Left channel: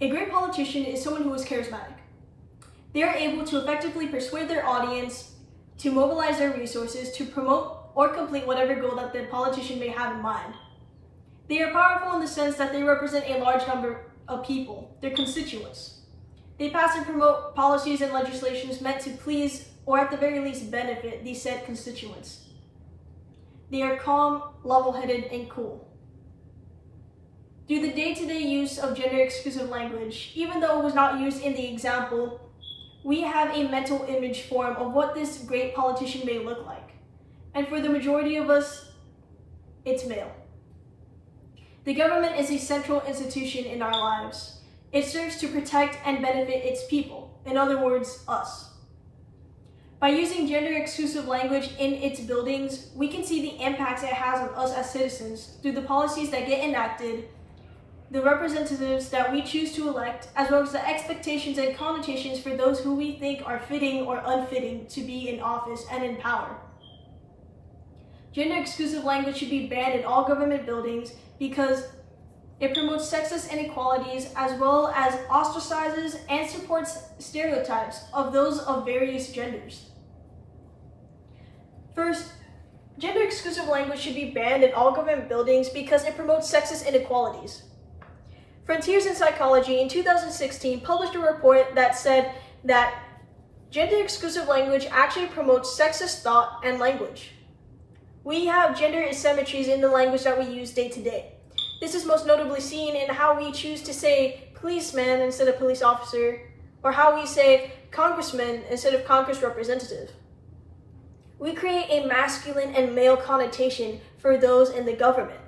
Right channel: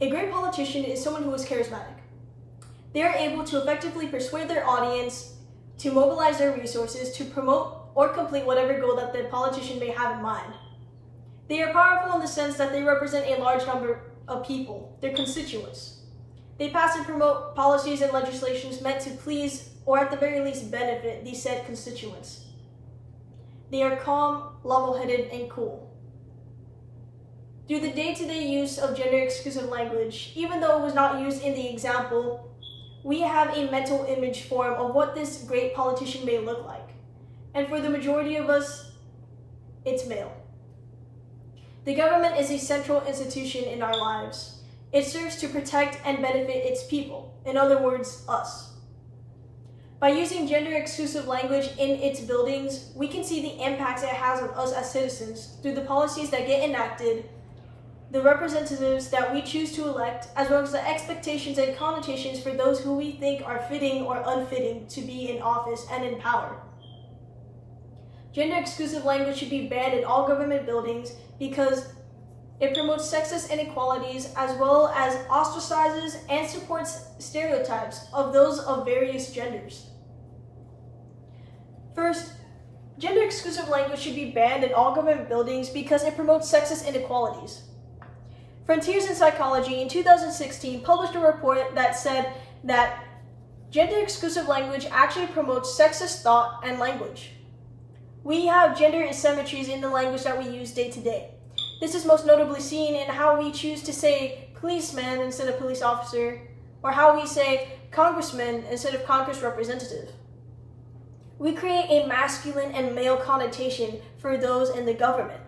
A great politician is someone who is charismatic. They are able to effectively persuade their audience to mobilize their resources to promote or complete whatever goal that the politician may have in mind. They are powerful in the sense that they represent a large number of people, their constituents. They pass and promote policies and legislations meant to please, or at the very least benefit, these said constituents. They are calm, level-headed, and cool. Through the day-to-day use of gender-exclusive language, even though it was not used in the example, we have a mental image form of what this great politician may look like. And for the majority of us, it's male. The government is a central institution in our lives. It serves to protect and benefit its people, in other words, us. By using gender-exclusive language in its buildings, we can see the impacts it has on us as citizens through the policies that get enacted, the representatives that we choose to elect, as well as the expectations and connotations for those who we think are fitting or unfitting to be in office and in power. Gender-exclusive language should be banned in all government buildings because it promotes sexist inequalities as well as ostracizes and supports stereotypes of those of various genders. First, gender-exclusive language should be banned in all government buildings because it promotes sexist inequalities. Frontiers in Psychology in 2016 published a report that said that gender-exclusive language actually promotes sexist thought and language. We have gender asymmetries in the language that we use day to day. This is most notably seen in how we choose to say policeman instead of police officer, or how we say congressman instead of Congress representative. We create a masculine and male connotation for those in the government.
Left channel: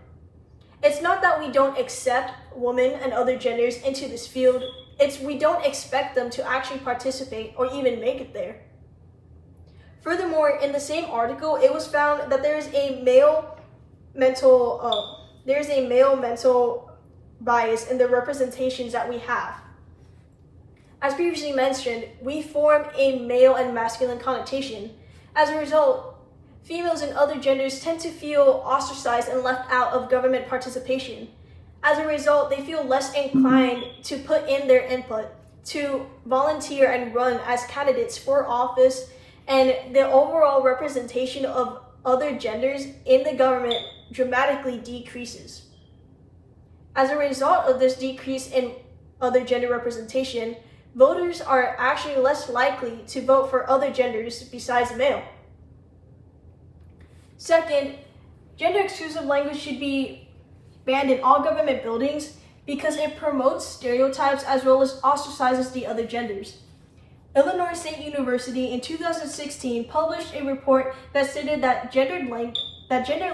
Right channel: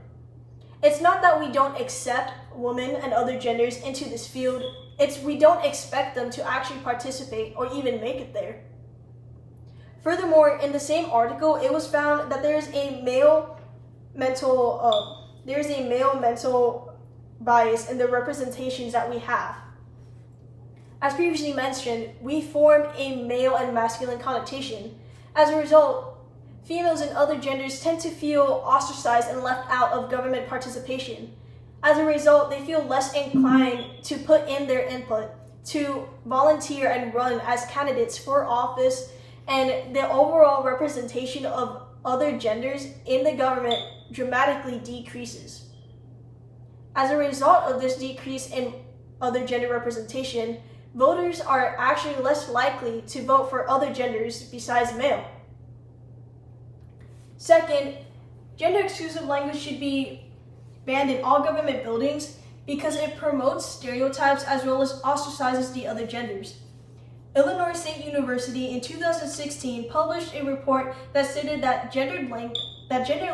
It's not that we don't accept women and other genders into this field, it's we don't expect them to actually participate or even make it there. Furthermore, in the same article, it was found that there's a male mental bias in the representations that we have. As previously mentioned, we form a male and masculine connotation. As a result, females and other genders tend to feel ostracized and left out of government participation. As a result, they feel less inclined to put in their input, to volunteer and run as candidates for office, and the overall representation of other genders in the government dramatically decreases. As a result of this decrease in other gender representation, voters are actually less likely to vote for other genders besides male. Second, gender-exclusive language should be banned in all government buildings because it promotes stereotypes as well as ostracizes the other genders. Illinois State University in 2016 published a report that stated that gender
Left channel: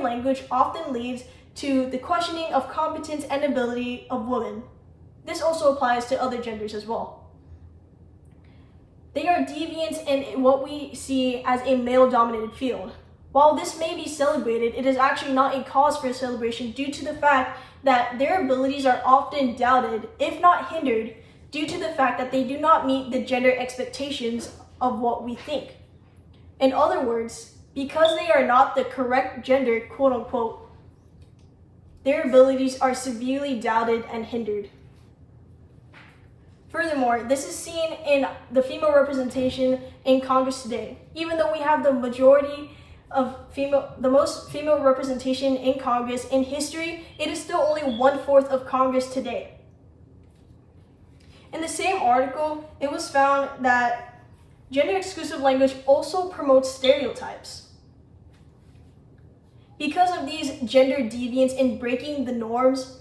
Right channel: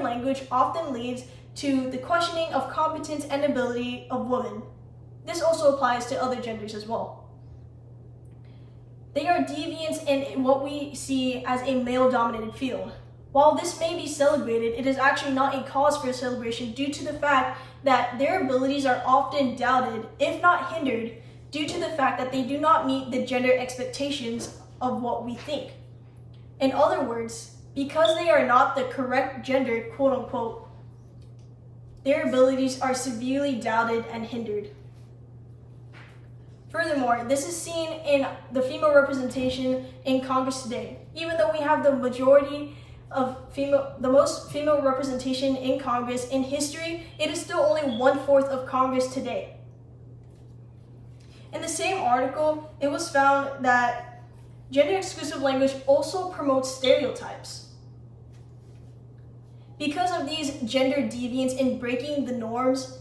language often leads to the questioning of competence and ability of women. This also applies to other genders as well. They are deviant in what we see as a male-dominated field. While this may be celebrated, it is actually not a cause for celebration due to the fact that their abilities are often doubted, if not hindered, due to the fact that they do not meet the gender expectations of what we think. In other words, because they are not the correct gender, quote unquote, their abilities are severely doubted and hindered. Furthermore, this is seen in the female representation in Congress today. Even though we have the most female representation in Congress in history, it is still only 1/4 of Congress today. In the same article, it was found that gender-exclusive language also promotes stereotypes. Because of these gender deviants in breaking the norms,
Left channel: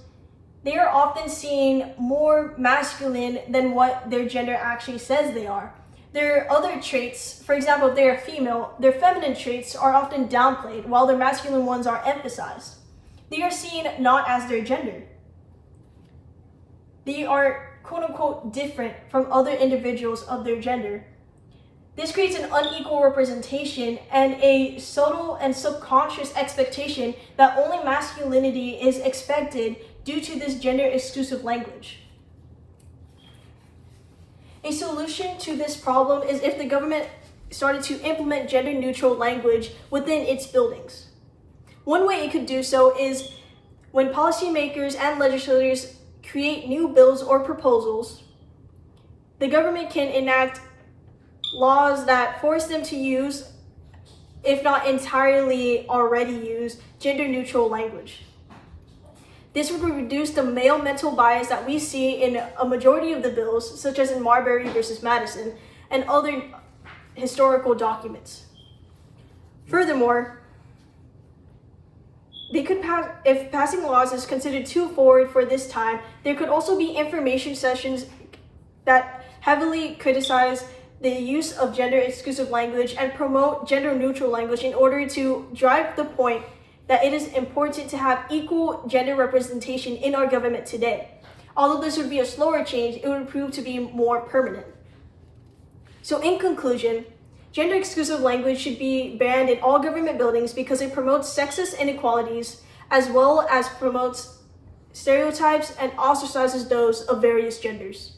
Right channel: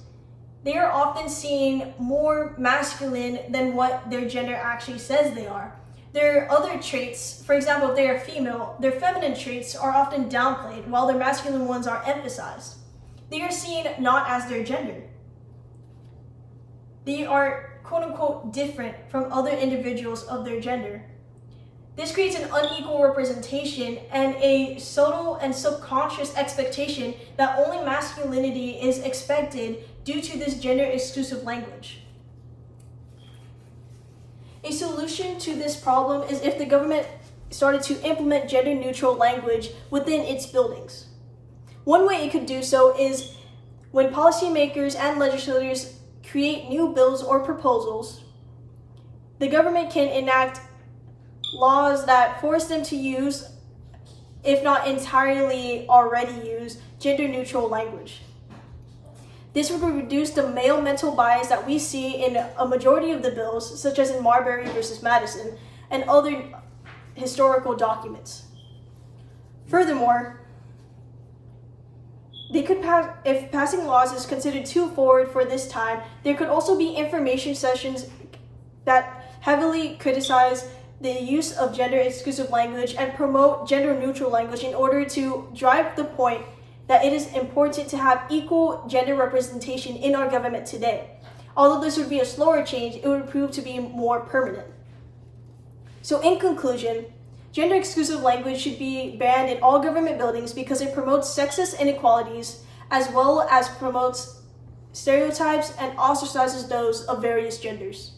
they are often seen more masculine than what their gender actually says they are. Their other traits, for example, if they are female, their feminine traits are often downplayed while their masculine ones are emphasized. They are seen not as their gender. They are quote unquote different from other individuals of their gender. This creates an unequal representation and a subtle and subconscious expectation that only masculinity is expected due to this gender-exclusive language. A solution to this problem is if the government started to implement gender-neutral language within its buildings. One way it could do so is when policymakers and legislators create new bills or proposals, the government can enact laws that force them to use, if not entirely already use, gender-neutral language. This would reduce the male mental bias that we see in a majority of the bills, such as in Marbury versus Madison, and other historical documents. Furthermore, they could pass, if passing laws is considered too forward for this time, there could also be information sessions that heavily criticize the use of gender-exclusive language and promote gender-neutral language in order to drive the point that it is important to have equal gender representation in our government today. Although this would be a slower change, it would prove to be more permanent. So in conclusion, gender-exclusive language should be banned in all government buildings because it promotes sexist inequalities as well as promotes stereotypes and ostracizes those of various genders.